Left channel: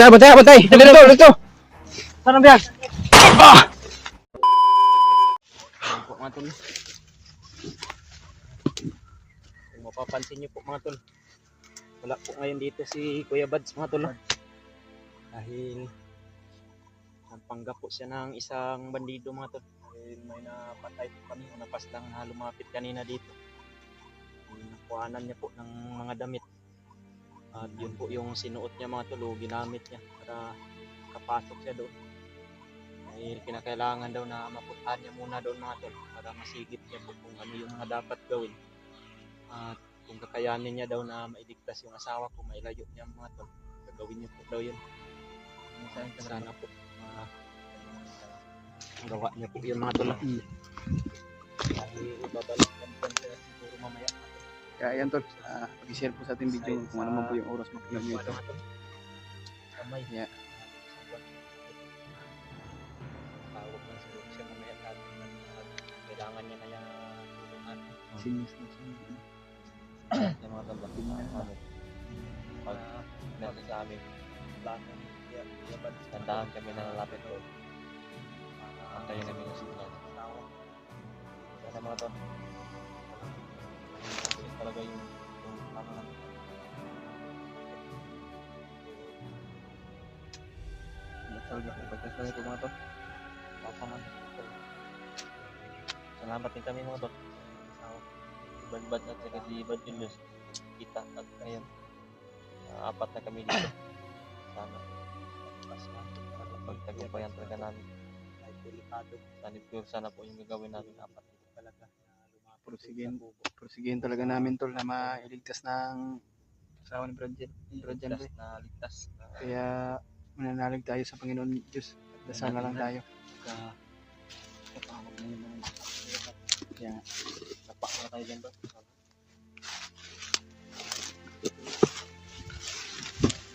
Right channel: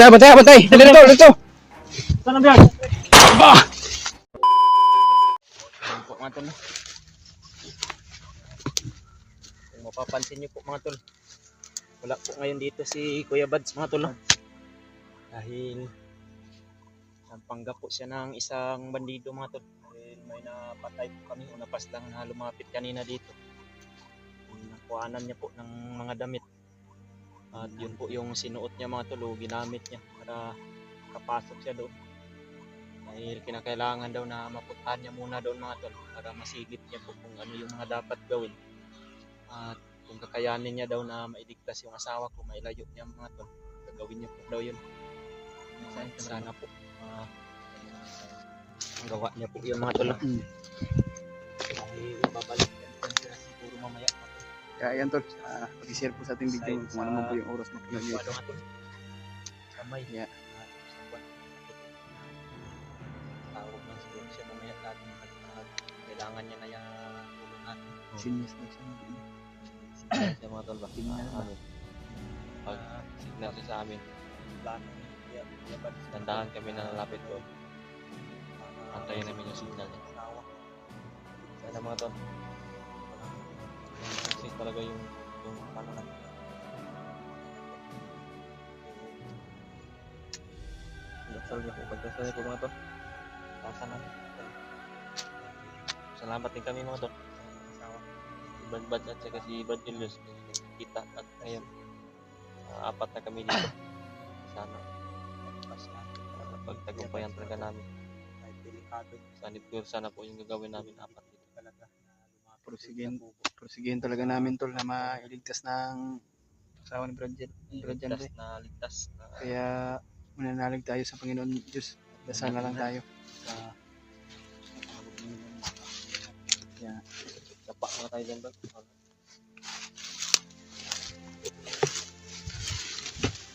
Bantay, bantay. Dito. Saan ang biyan? Ayan po mga tol. Kung mapapansin niyo po mga tol, wala po ngayon dito si Kuya Bads mga tol. Dahil nagpanggap po siya ng isang bandido mga tol. Dahil may napatay po kami o napaslang na lumapit kanina dito. Nakuhanan niya po ng mga damit. At yun po yung sinuot niya mga tol, ginamit niya para kapasok siya doon. Dahil kinakailangan daw na mapuntahan niya muna doon mga tol para masigit niya po kung ano yung mga dapat gawin. At kung kakayanin niya daw na mailigtas yung asawa ko, mailayo niya mga tol, gagawin niya po daw yun. Sana po ang gawa niya po yun mga tol. Dahil babalik yan sila siguro mamaya mga tol. Kaya yan tol, pag-share po sa ating video kung ano man po yung oras mapanood nyo ito. Kamay. Yeah. Tawag lang siguro siya mamaya natin. Kailangan niya na yung tulong natin. Sinyas na siya. Siya mga tol ba? Tingnan ba? Signal siya sa amin. Plano ni Kuya Bads. Tandahan kami na nalapit doon. Antayin namin yung signal niya. Sana mga tol. Kasi talaga yung ano na. Pagkasal ko mga tol. Salamat din kami mga tol. Si Badbad at saka si Bad Julius kita at ngayon apat na kami dito. Sana pagtagumpayan talaga namin. Sana po yung gagawin namin apat dito talaga. Porsigihin talaga namin tol na mailigtas ng asawa ni Bradjen. Ligtas na Kaya mananalig tayo sa Panginoon Diyos. Dasal na lang tayo. Kaya tapak na tayo dyan ba?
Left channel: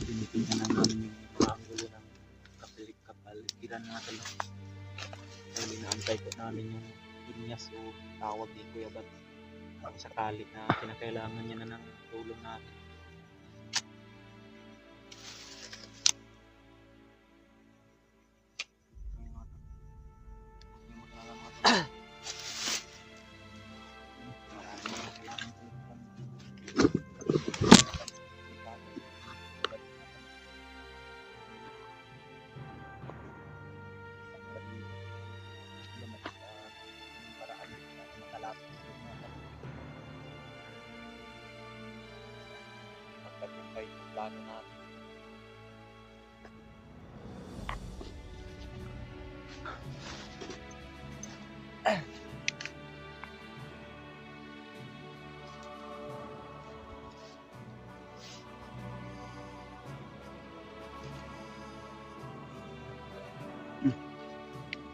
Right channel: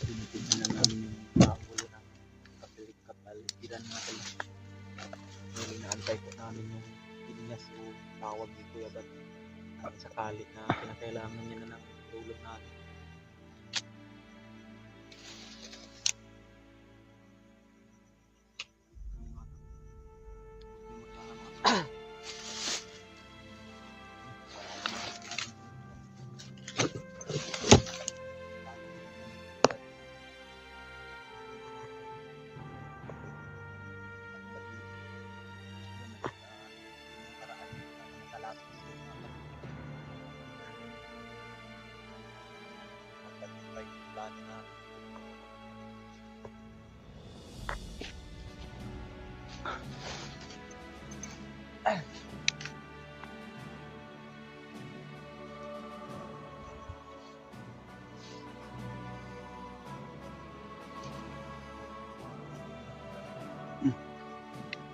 Pinitingnan na namin Yung angulo ng kapaligiran natin. Dahil inaantay po namin yung inyas o tawag ni Kuya Bat. Sakali na kinakailangan niya na ng tulong natin. Plano natin.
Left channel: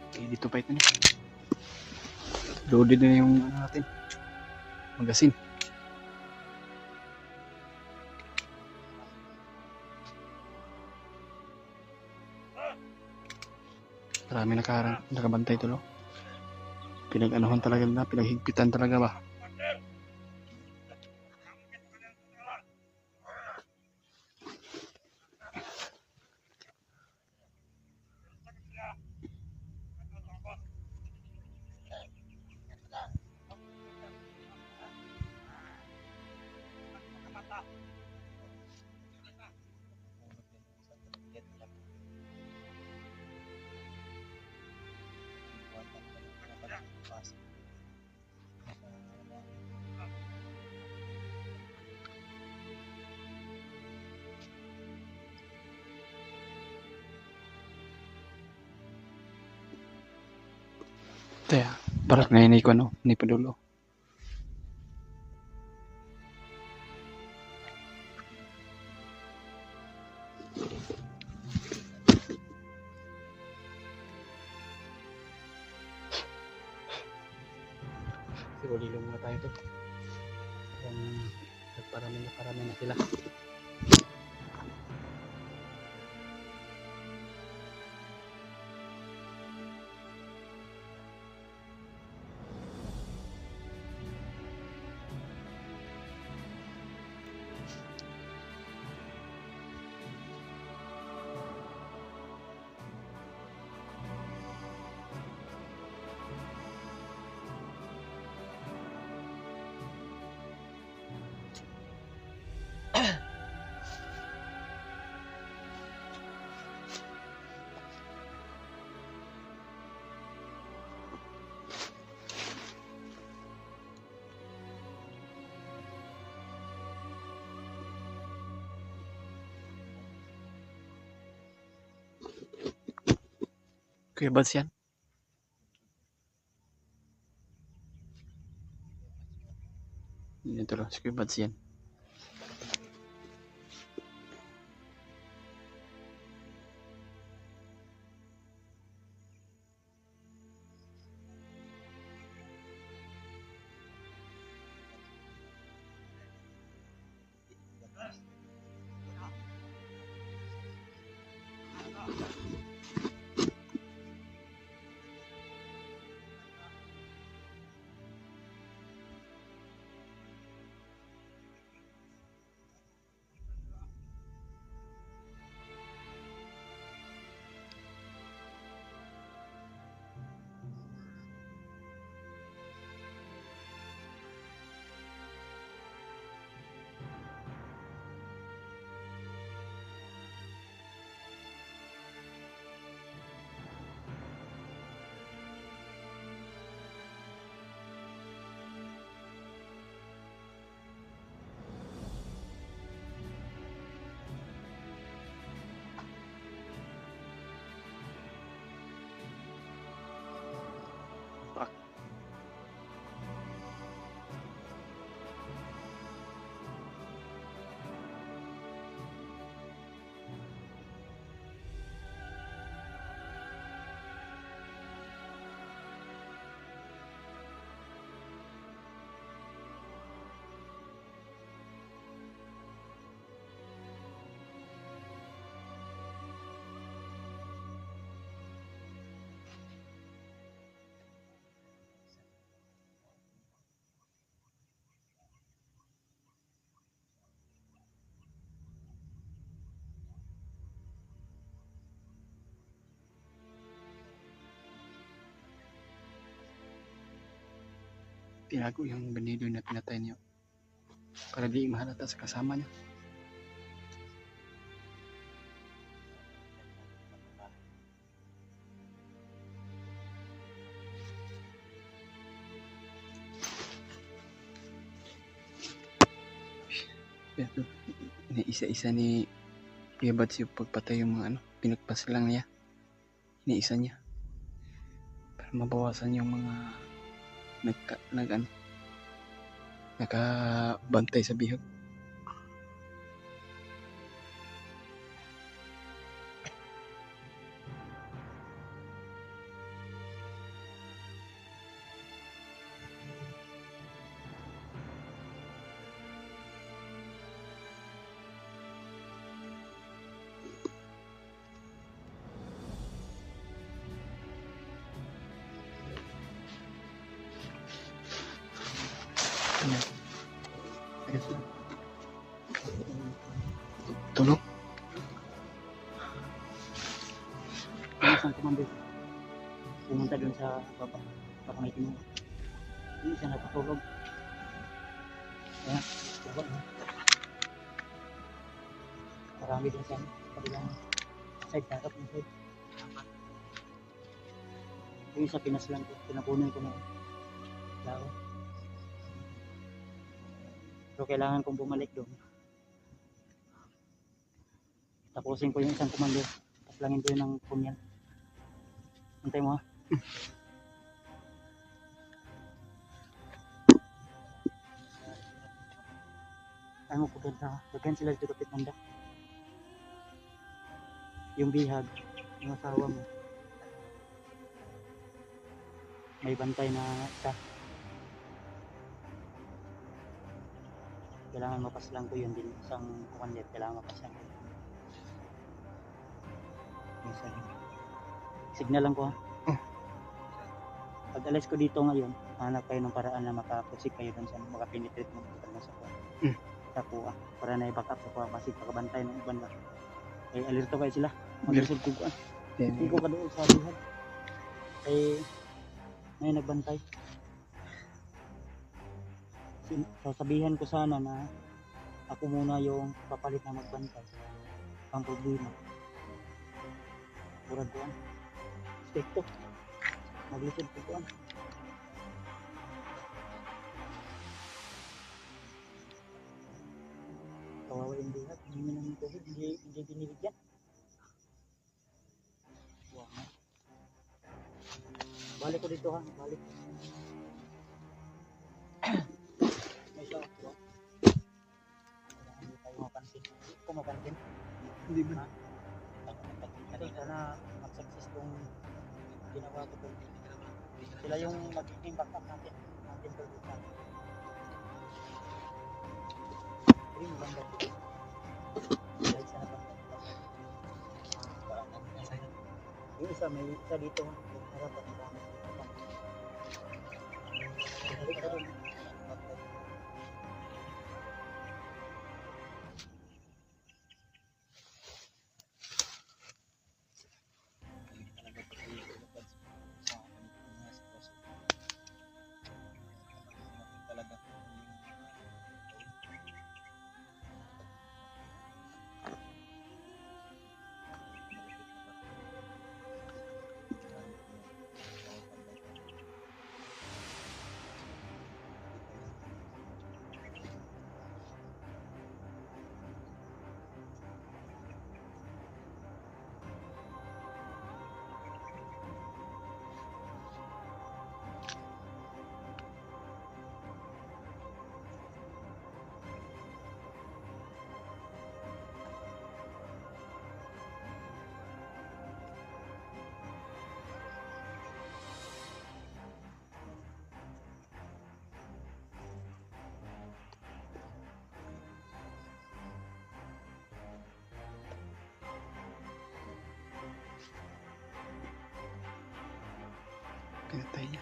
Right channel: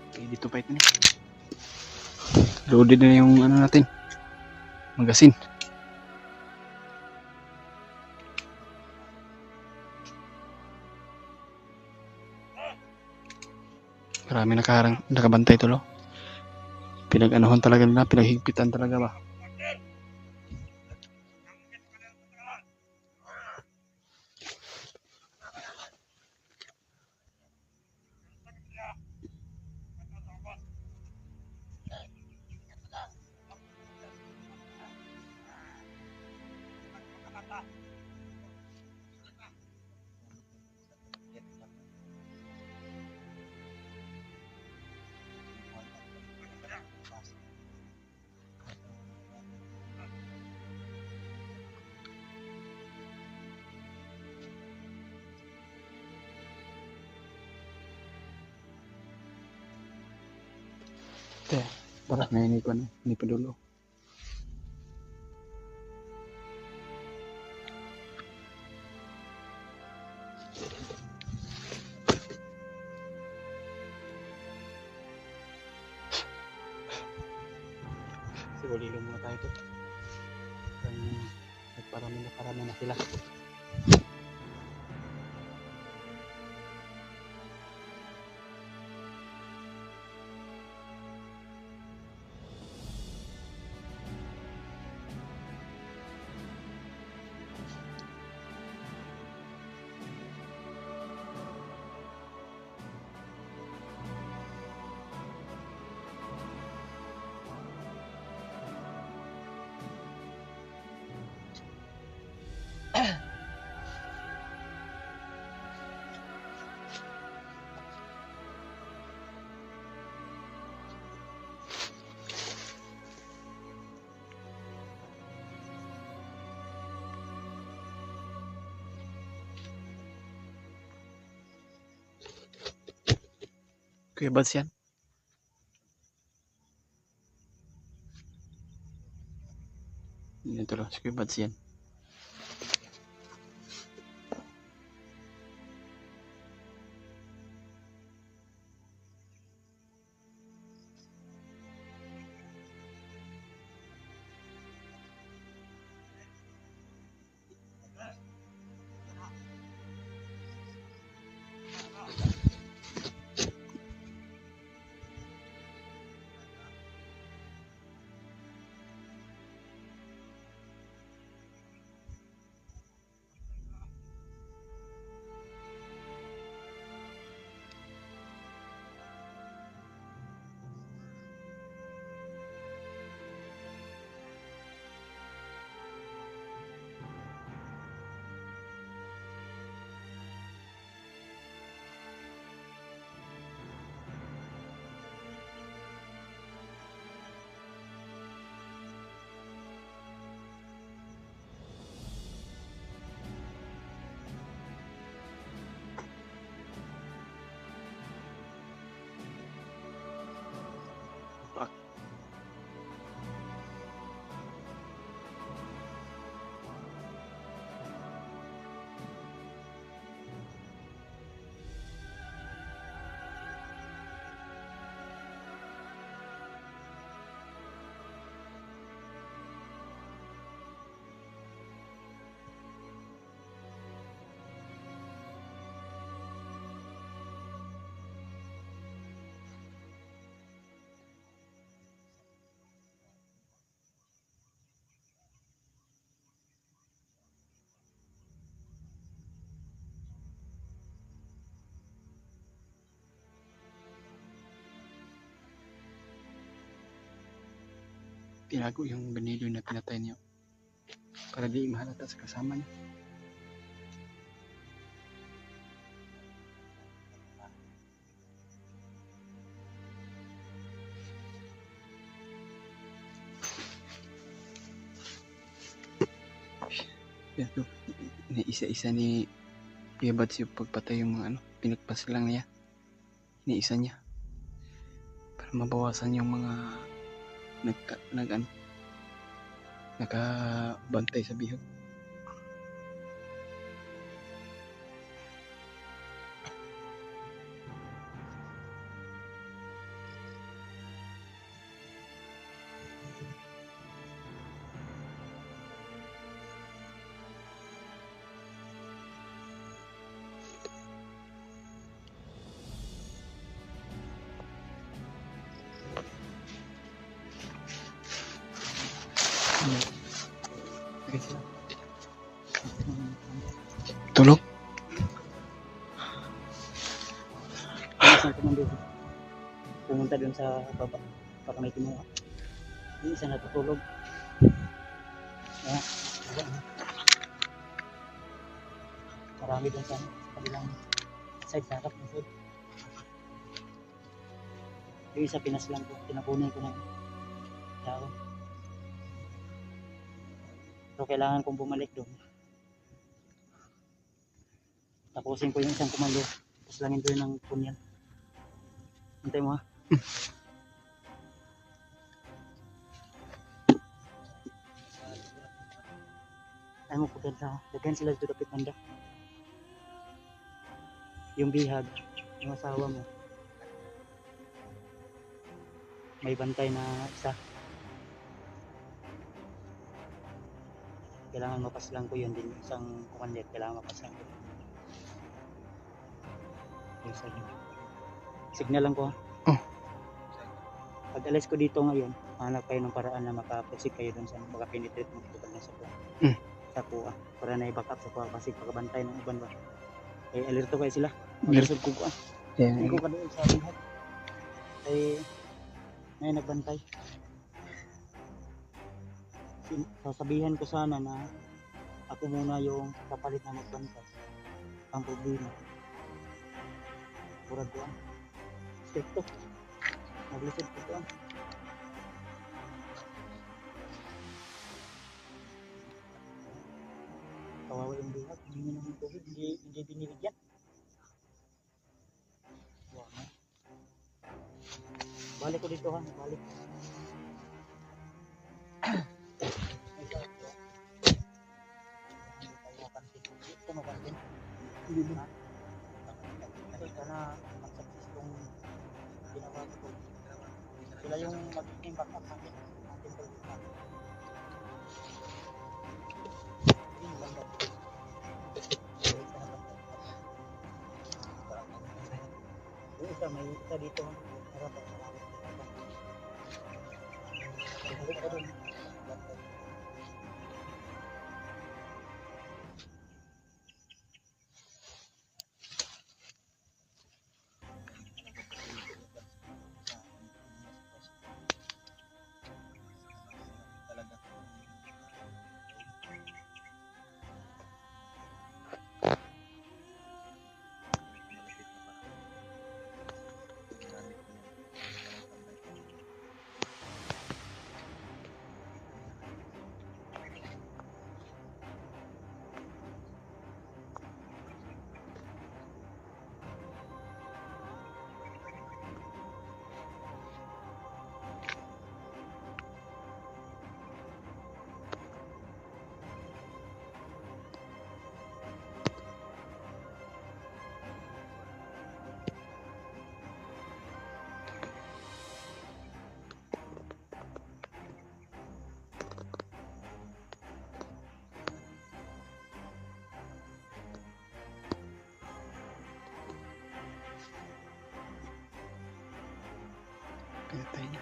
Okay, dito pa ito niya. Loaded na yung ano natin. Magasin. Marami nakabantay tulo. Pinag-anuhan talaga nila, pinaghigpitan talaga ba? Ito ya, parang ngayon ko ano, ni Padulo. Siguro muna tayo to. Nagparami na sila. Kuya Bads yan. Ito lang, si Kuya Bads yan. Tinago yung bandido na pinatay niyo para di mahalata sa kasama niya. Pero iniisa-isa ni Kuya Bads yung pagpatay yung mga pinagpas lang niya. Iniisa niya para mabawasan yung mga nakabantay sa bihag. Tulog? Yung isang komando pumunta dun sa baba para may kinuha. Yung isa natutulog. Kaya, baba na. Marami dun sa kabilang side, sa harap ng side. Yung isa pinaslang ko, pinapunin ko na yun. Dao. So kailangan kong bumalik doon. Tapusin ko yung isang komando. Paslangin ko yun ng punyal. Hintay mo ha. Ay mo po sa daghan sila dito kapit manda. Yung bihag, yung asawa mo. May bantay na isa. Kailangan mapaslang ko yun din. Isang commander, kailangan mapaslang ko. Yung sa signal lang ko ha. Pag alis ko dito ngayon, hanap kayo ng paraan na makaproceed kayo doon sa makapenetrate mo dito na sa kuha. Sa kuha. Para na i-back up sa kuha kasi pagkabantay ng iban ba. Eh, alerto kayo sila. Mag-resort ko kuha. Hindi ko ka doon sa bihag. Eh, may nagbantay. Sasabihan ko sana na ako muna yung papalit na magbantay. Ang problema. Murag ko ang stekto. Maglisod ko ko ang. Kawawa yung bihag. Hindi naman tubig. Hindi binibigyan. Wow. Balik ko dito ha, balik. May shot bro. Hindi tayo mapansin. Hindi ko mapansin. Hindi ba? Kasi sana mag-success tong ginawa ko. Sila yung magiging backup natin. Natin to. Green lang daw. Balik sa natin. Yung isa, may isa dito. Balik ka dun. Pinatay niya.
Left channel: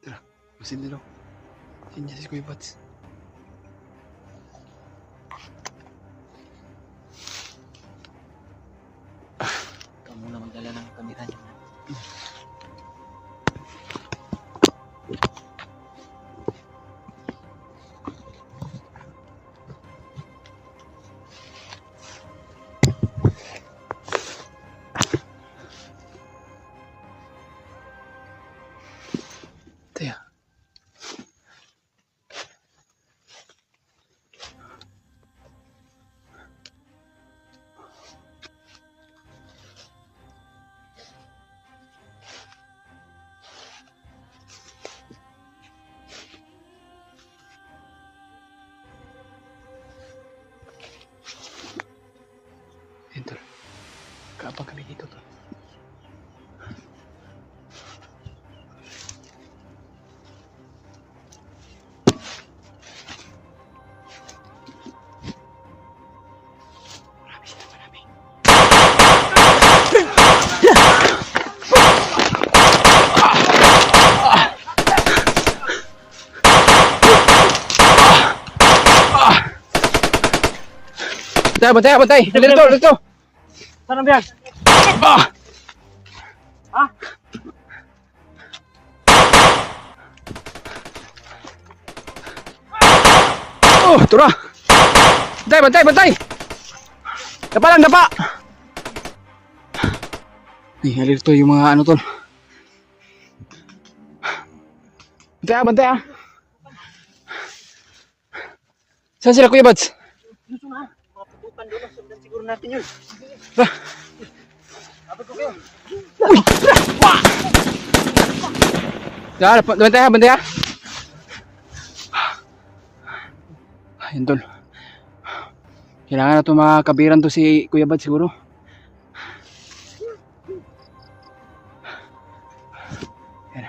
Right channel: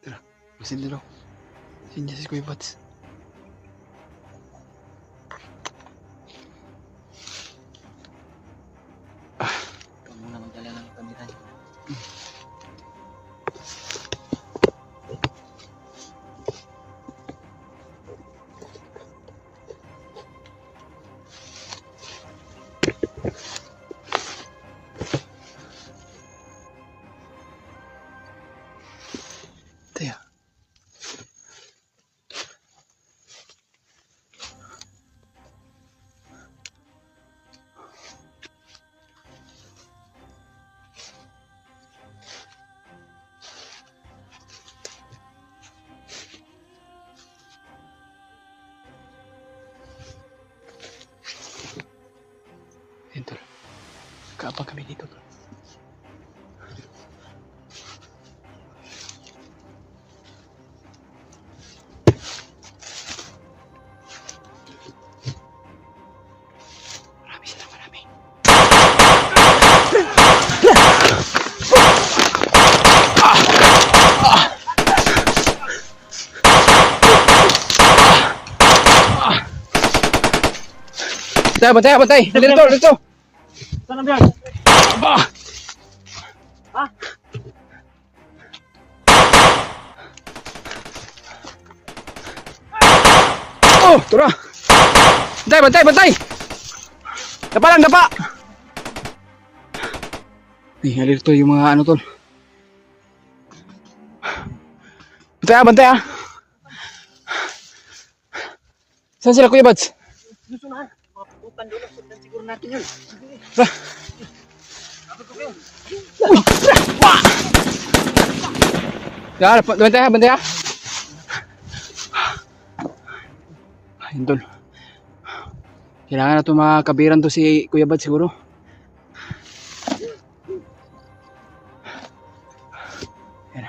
Tara, masin dulu. Sini si Kuya Bats. Kamu na magdala ng kamera niyo. Taya. Ito. Kaabang kami dito, tol. Marami sila, marami. Bantay, bantay! Dito, dito! Saan ang biyag? Ah! Ha? Oh, tura! Bantay, bantay, bantay! Dapa lang, dapa! Ay, halito yung mga ano tol. Bantay bantay ah! Saan sila Kuya Bads? Gusto na. Mga putukan doon. Sundan siguro natin yun. Tara! Abot ko kayo. Tara, bantay ha, bantay ha! Ayun tol. Kailangan na ito mga kabiran to si Kuya Bads siguro. Yan.